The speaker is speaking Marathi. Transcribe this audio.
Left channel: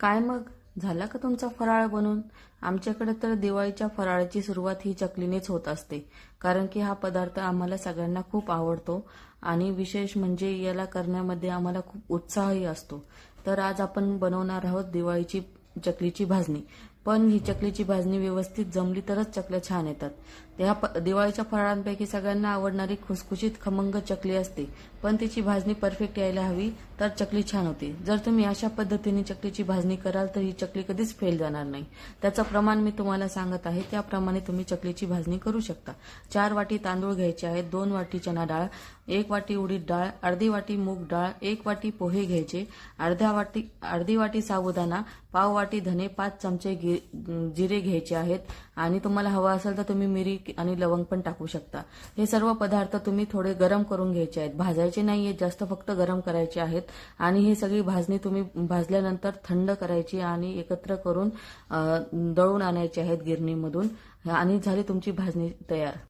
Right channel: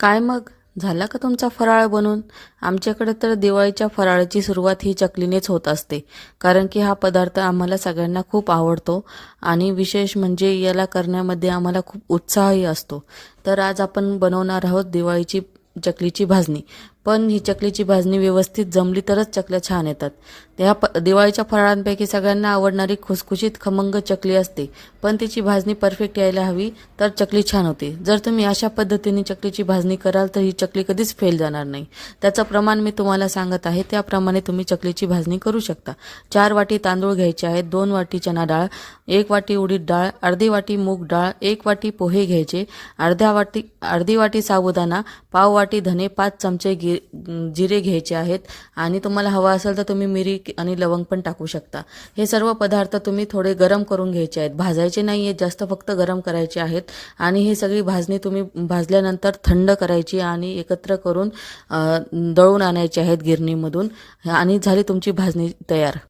काय मग झाला का तुमचा फराळ बनवून? आमच्याकडे तर दिवाळीच्या फराळाची सुरुवात ही चकलीनेच होत असते. कारण की हा पदार्थ आम्हाला सगळ्यांना खूप आवडतो आणि विशेष म्हणजे याला करण्यामध्ये आम्हाला खूप उत्साहही असतो. तर आज आपण बनवणार आहोत दिवाळीची चकलीची भाजणी. पण ही चकलीची भाजणी व्यवस्थित जमली तरच चकल्या छान येतात. दिवाळीच्या फराळांपैकी सगळ्यांना आवडणारी खुसखुशीत खमंग चकली असते, पण तिची भाजणी परफेक्ट यायला हवी तर चकली छान होते. जर तुम्ही अशा पद्धतीने चकलीची भाजणी कराल तर ही चकली कधीच फेल जाणार नाही. त्याचं प्रमाण मी तुम्हाला सांगत आहे, त्याप्रमाणे तुम्ही चकलीची भाजणी करू शकता. 4 वाटी तांदूळ घ्यायचे आहेत, 2 वाटी चना डाळ, 1 वाटी उडीद डाळ, अर्धी वाटी मूग डाळ, 1 वाटी पोहे घ्यायचे, अर्धी वाटी साबुदाणा, पाव वाटी धने, 5 चमचे जिरे घ्यायचे आहेत आणि तुम्हाला हवा असेल तर तुम्ही मिरी आणि लवंग पण टाकू शकता. हे सर्व पदार्थ तुम्ही थोडे गरम करून घ्यायचे आहेत, भाजायचे नाही आहेत जास्त, फक्त गरम करायचे आहेत. आणि ही सगळी भाजणी तुम्ही भाजल्यानंतर थंड करायची आणि एकत्र करून दळून आणायची आहेत गिरणीमधून आणि झाली तुमची भाजणी तयार.